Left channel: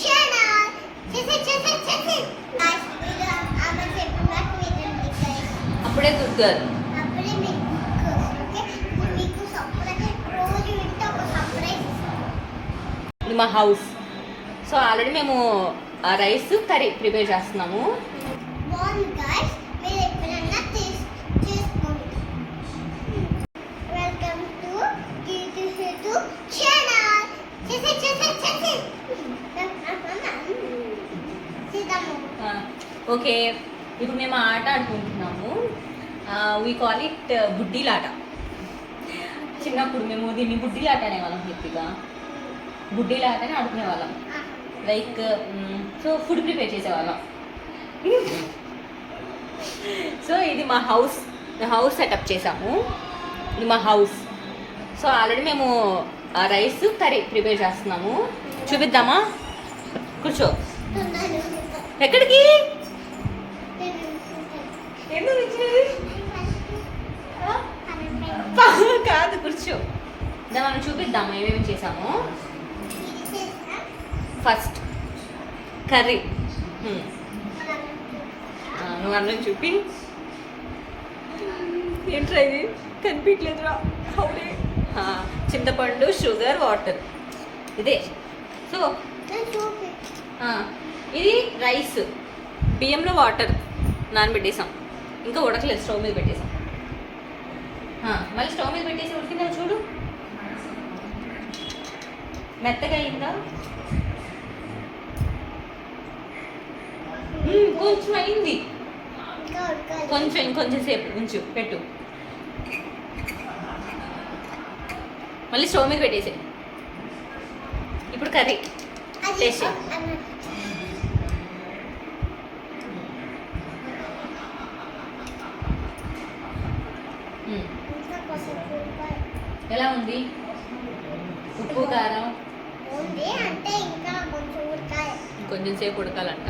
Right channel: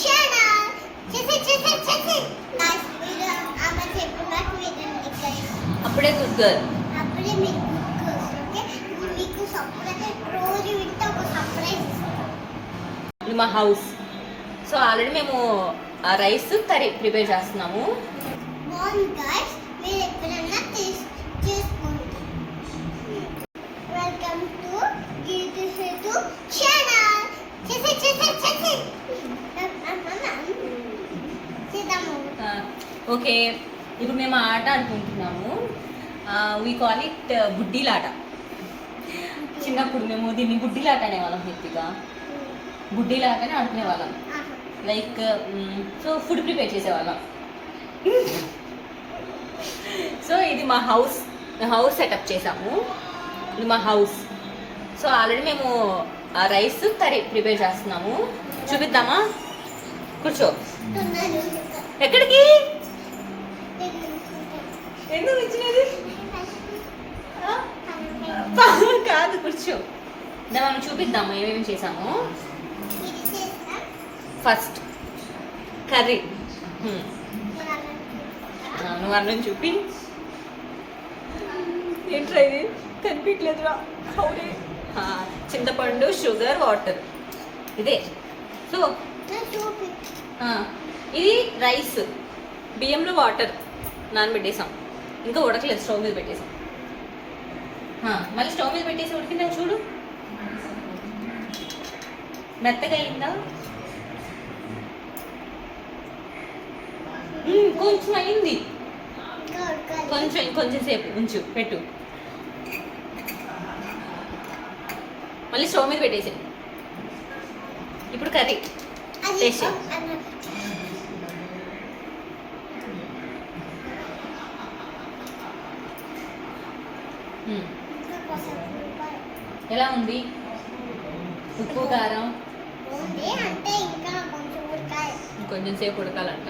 Channel చేసి guys video ఆమె చెప్పినట్టు వినండి గైస్. అప్పుడే గుడ్ గర్ల్. అప్పుడే మీకు ఓకే మీకు సర్ప్రైజ్ రోజు వింటే ఒక సర్ప్రైజ్ ఇస్తాం. ఇది మా హౌస్. సో ఆల్రెడీ మేము రైస్ కర్రీ ప్రిపేర్ చేస్తున్నాము. బాగుంది గైస్, మీరు ఎప్పుడన్నా చేసుకోండి. Welcome to Geetu Sethu channel చేసి ఓకే, ఇప్పుడు మేము ఆట ఆడుకుంటున్నాము. వీ కాల్ ఇట్ బుడ్డీలాట. చిన్నప్పుడు మేము దీన్ని బుడ్డీలాట అనేవాళ్ళం. హెప్పిగా బుడ్డీలాట అని ఆడుకునే వాళ్ళం. లైక్ సో ఫుడ్ ప్రిపేర్ చేసేవాళ్ళం. సో ఇది మా హౌస్ సెటప్ చేసాము. ఇది మా హౌస్. సో ఆల్రెడీ మేము రైస్ కర్రీ ప్రిపేర్ చేస్తున్నాము. చూపిద్దామా? కూర్చో. ఎక్కడికి? ఎందుకు వచ్చినది? కాదు, కూర్చో. మనం చూపిద్దాము ఏమేమి చేసాము. First curry. నువ్వు అన్నం చూపి. ఏంట్రా ఇది? కనిపించలేదురా. చింతపండు, షుగర్, వాటర్. ఇదే. సో ఇది రైస్, బియ్యంలో వాటర్ నానబెట్టేసాం. ఇంకా ఉడకలేదు, స్టవ్ మీద పెట్టేసాం. మళ్ళీ స్టవ్ మీద పెట్టేసి ఉడికిందా చూడు. మెత్తగా అయిందా? కొంచెం అయింది. ఇంకొంచెం సేపు ఉంచు, పెట్టు. మళ్ళీ స్టవ్ మీద పెట్టేసి ఇప్పుడు కర్రీ టేస్ట్. ఎలా ఉంది? ఉప్పు కారం కొంచెం సేపు ఉడకాలంట.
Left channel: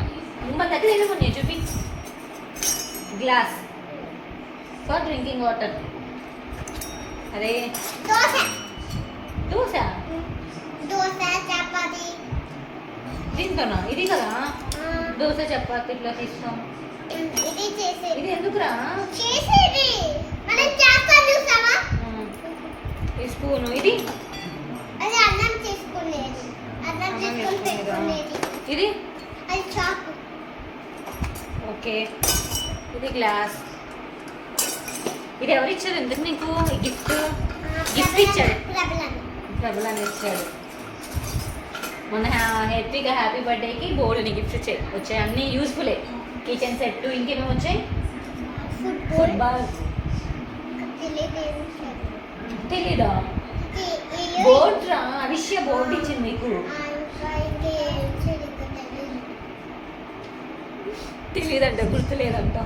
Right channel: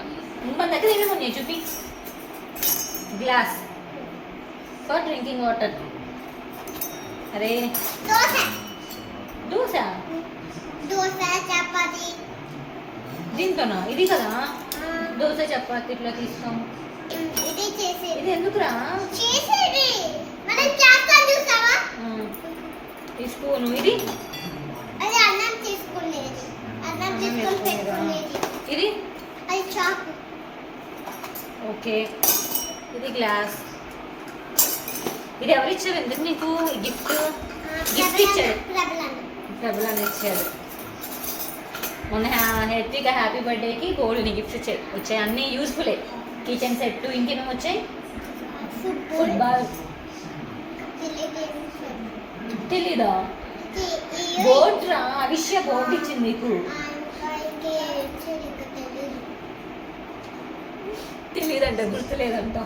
మన దగ్గర ఏమేమి ఉన్నాయి చూపి. Glass for drinking water. అరే దోశ చపాతి. దీంతోనా? ఇది కదా దోశ చపాతి ఇట్లా తీస్తాం. ఇది ఎందుకురా? ఈ స్పూను. ఇది అన్నం తీసుకునేది, అన్నం తీసుకొని పెట్టుకునేది. ఇది అది చాకు. ఓకే, ఇది గ్లాస్. ఇది ఎవరు ఇచ్చారు? ఎందుకు నీకు గిఫ్ట్? గిఫ్ట్ ఇచ్చాడు, ప్రబలాన్ని ఇచ్చాడు. మొన్న హెత్విక హ్యాపీ బర్త్డేకి బోల్డ్ని గిఫ్ట్స్ వచ్చాయి. అన్నీ యూస్ఫుల్లే. Kitchen set. ఇంకేమేమి వచ్చాయి? ఫుట్బాల్. తెలీదా? బోర్డ్ రా, అవిష్య బోర్డు ఇచ్చింది నీకు. తెలీదంట, గుర్తులేదంట.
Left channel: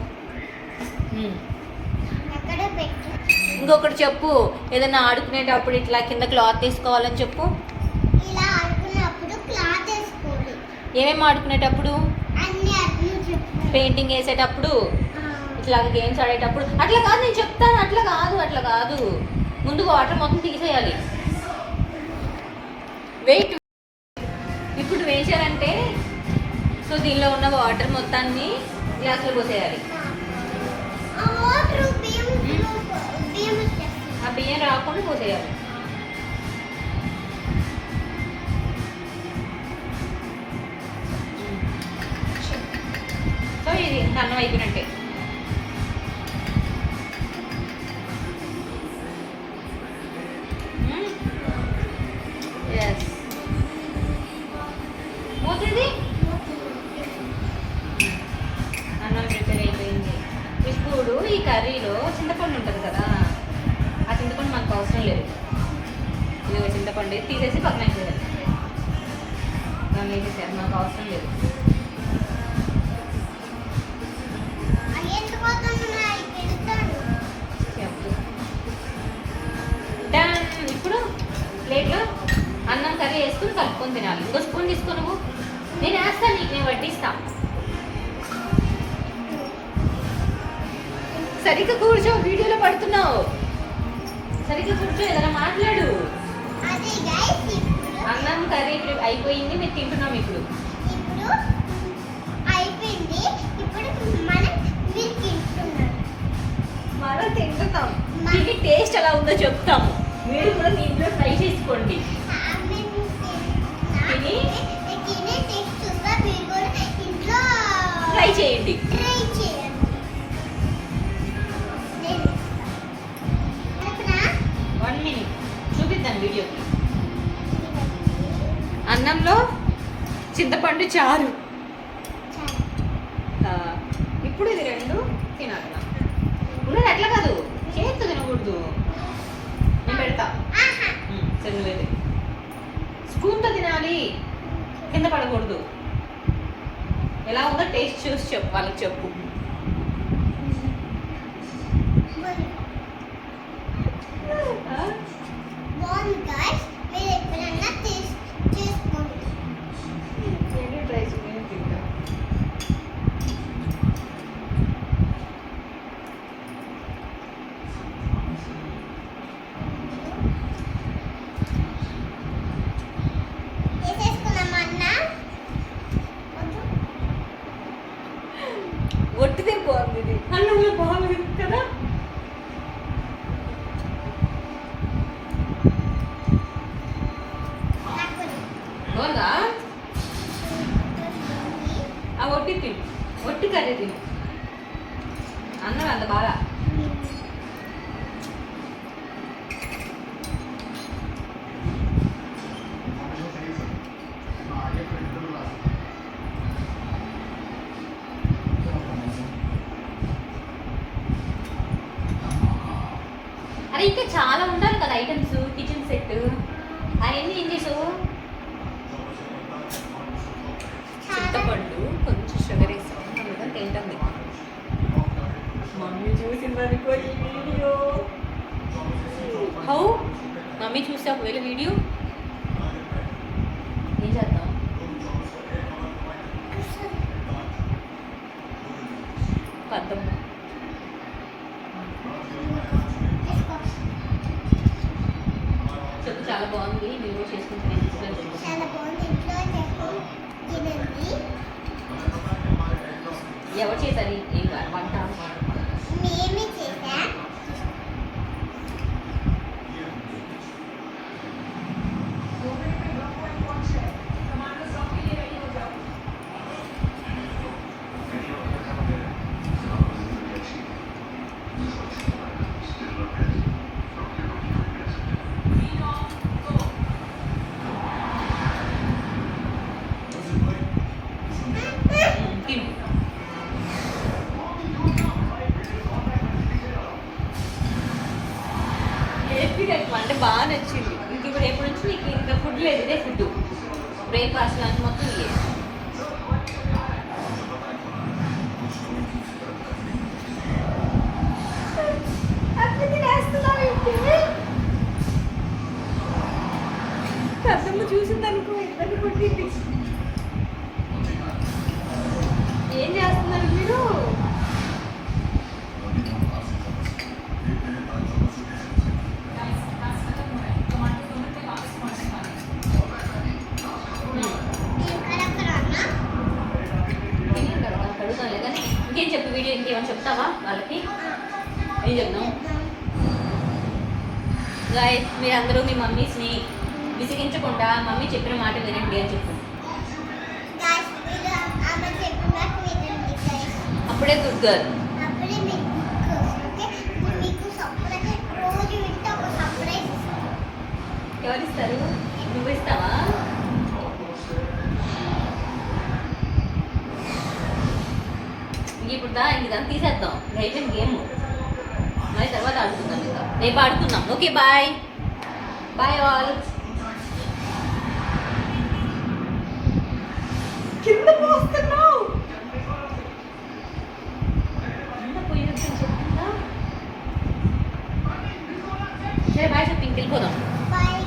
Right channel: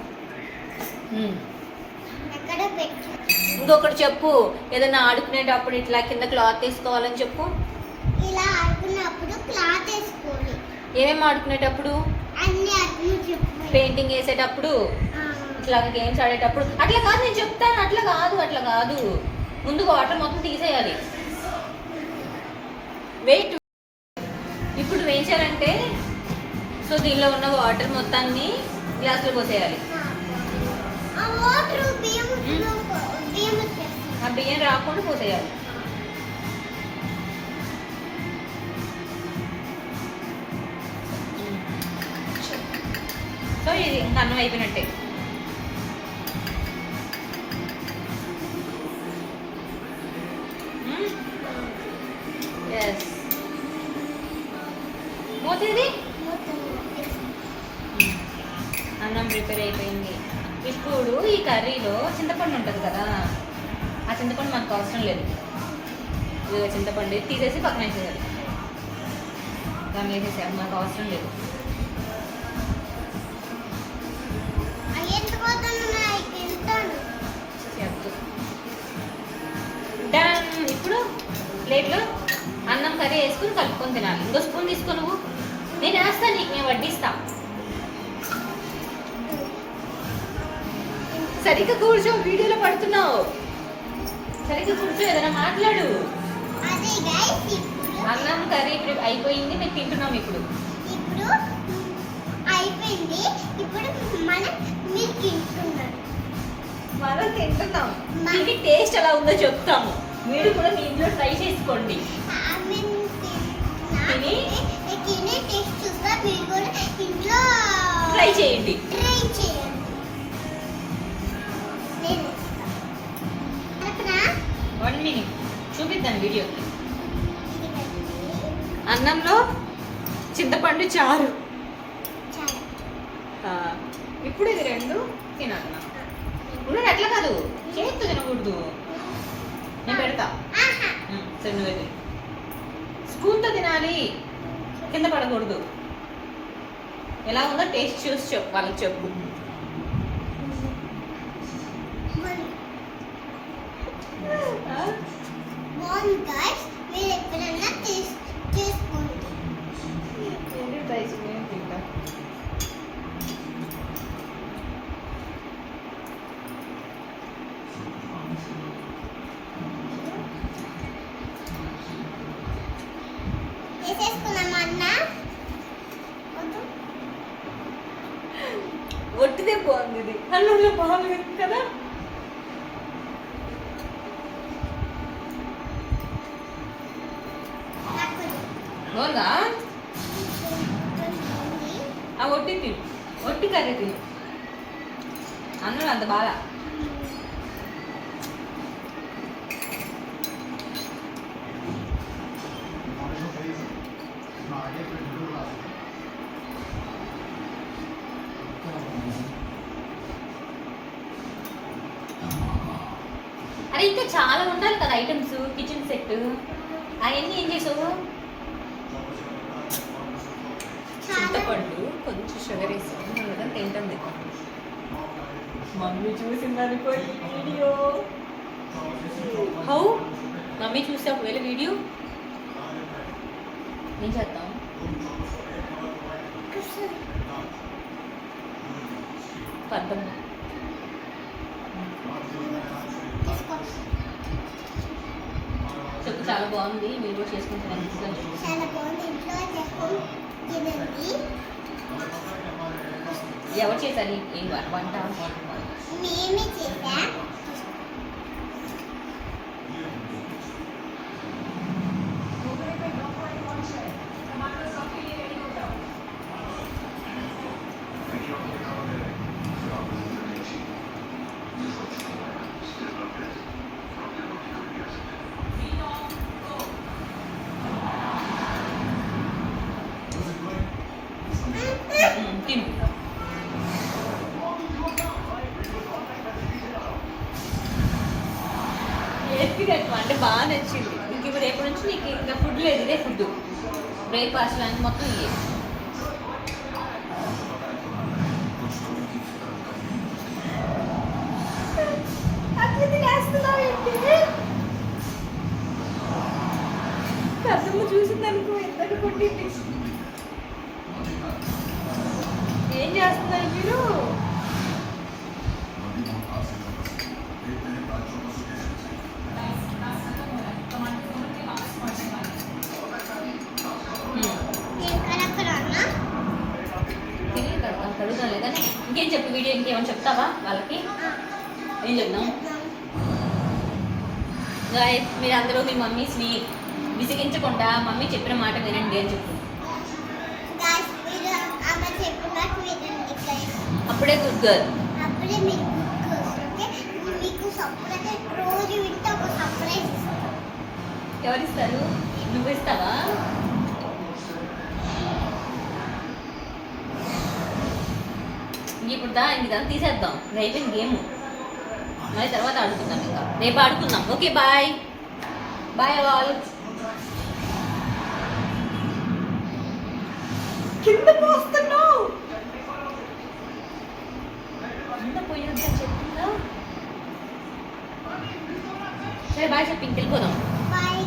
ఇంకొకటి చెప్పు. ఏదైనా ఆడుకునేటప్పుడు ఇట్లా కింద క్లాత్ వేసుకోవాలని చెప్పు. ఇలా ఆడుకునేటప్పుడు క్లాత్ వేసుకోవాలి. ఏమేమి ఆడుకునేటప్పుడు? పెయింటింగ్ వేసేటప్పుడు, ఇట్లా గేమ్స్ ఆడేటప్పుడు. అట్లా కాదు, నేను చెప్తాను. అట్లా కాదు. ముందు వాటర్ మొత్తం తీసేయాలి. వెయిట్. ఇప్పుడు వేసారంటే సో దీనిలో ఉన్న వాటర్ మొత్తాన్ని గ్లాసులో పోసేయాలి. ఆ బియ్యం రాకుండా పోసేయాలి. సో ఇది ఇంకా అన్నం అయిపోయినట్టే. మూతిది అన్నం ప్రిపేర్ అయిపోయింది. ఇప్పుడు ఈ కర్రీలో చింతపండు ఉంటుంది కదా, ఆ చింతపండు మనకు అవసరం లేదు. ఇది చింతపండు తీసేసి పక్కన వేసేయాలి. దాన్ని వేసేసేయాలి, మనకు అవసరం లేదు. డన్. ఇప్పుడు ప్లేట్లో అన్నం కర్రీ వేసుకుని కలుపుకొని తినాలి. ఇంకో స్పూన్ తీసుకో నువ్వు. నేను వేస్తాను నీకు, నేను వడ్డిస్తా. సరిగ్గా కూర్చో, వీడియోలో పడుతున్నావు. సరిగ్గా కూర్చో, ఏదైనా మాట్లాడు. అన్నం కర్రీ అయిపోయింది, మేము తింటున్నాం ఇప్పుడు. అయిపోయింది. ఇప్పుడు మీరు తింటున్నారు. మనం తింటున్నాం. మా- దీని టేస్ట్ ఎలా ఉందో చెప్తాము. మీరు కూడా మీ ఇంట్లో ట్రై చేసుకోండి. తిని? తినే టేస్ట్ చూస్తా. మీరు కూడా ఇంట్లో ట్రై చేయండి. ట్రై చేయండి. నేను ఇస్తాను. 1 minute చూపిద్దాం వీడియోకి. అన్నంలో చింతపండు చారు. చాలా ఆ, ఇప్పుడు ఇది 2 తినట్లా. ఉన్నది అట్లా కాదు, చేస్తూ తినకూడదు. నేను పెడతా. ఆహా. సరే నువ్వే స్పూన్తో తినాలి, కింద పడకూడదు. ఎలా ఉందో టేస్ట్ చూసి చెప్పు, వాళ్ళకి చెప్పు. బాగుంది గాయ్స్. మీరు ఎప్పుడన్నా చేసుకోండి. నేను ట్రై చేయను, తింటా. చేసేసుకున్నామా అన్న? వద్దు. ఒట్టిదే బాగుంది ఇది. అన్నంలో బాగుంది కదా. నాకు బాగుందా? ఆ ఒట్టి తిను, ఒట్టి కర్రీ తిను. అన్నాడు అంత బాగా. అరే ఇంకా చాలా ఉండాలి కదా ఐటమ్స్, కిచెన్ సెట్. అవన్నీ ఏం చేసావు? చింతపండు కొంచెం షుగర్ వేసాను, అందుకని తింటాం. మమ్మీ చూసిందనుకో ఈ వీడియో. హౌ మమ్మీ చూస్తే ఒకవేళ వీడియో ఏం చేద్దాం? పద్దమ్మ చేసుకో. చెప్పు, చాలా బాగుంది, మీరు కూడా చేసుకుంటాను. చాలా బాగుంది. ఇంట్లో చేసుకొని తినండి. ఎవరు చేశారు ఈ వంట? మేమే చేసా. తిను. అంటే బాగా నచ్చింది. ఇంక ఇప్పుడు రేపు నుంచి నీకు ఇంకా ఫుడ్ లేదు, ఇదే ఫుడ్. బ్రేక్ఫాస్ట్ లంచ్ మొత్తం ఇదే. కసమ్మ చూసిందనుకో ఇద్దరు కొట్టింది. ఏం చేస్తున్నారు మీరు? కడుగుతాం లేదని ఇంకేం చెప్పు. వీడియో ఇంకేమైనా చెప్తావా వాళ్ళకి? ఏం చెప్తాం? గాయ్స్, మీరు అందరూ మీ మమ్మీస్ని విసిగించకుండా మమ్మీ చెప్పిన మాట వినండి అని చెప్పు. అప్పుడే గుడ్ గర్ల్. అప్పుడే మీకు ఓకే. మీకు సర్ప్రైజ్ రోజు వింటే ఒక సర్ప్రైజ్ ఇస్తాను. ఎవరు ఇస్తారు? నువ్వు ఇస్తావా? ఇప్పుడు ఇంక తీసేద్దాం. ఇంకా అయిపోయింది గేమ్. మరి తర్వాత ఆడుకుందాం. ఇంకా రేపు ఆడుకుందాం. Okay, bye bye all. కింద పోస్తున్నావు, కింద పోయొద్దని చెప్తుందా? సరే బాయ్ చెప్పి ఇంక వెళ్ళిపోదాం. బాయ్.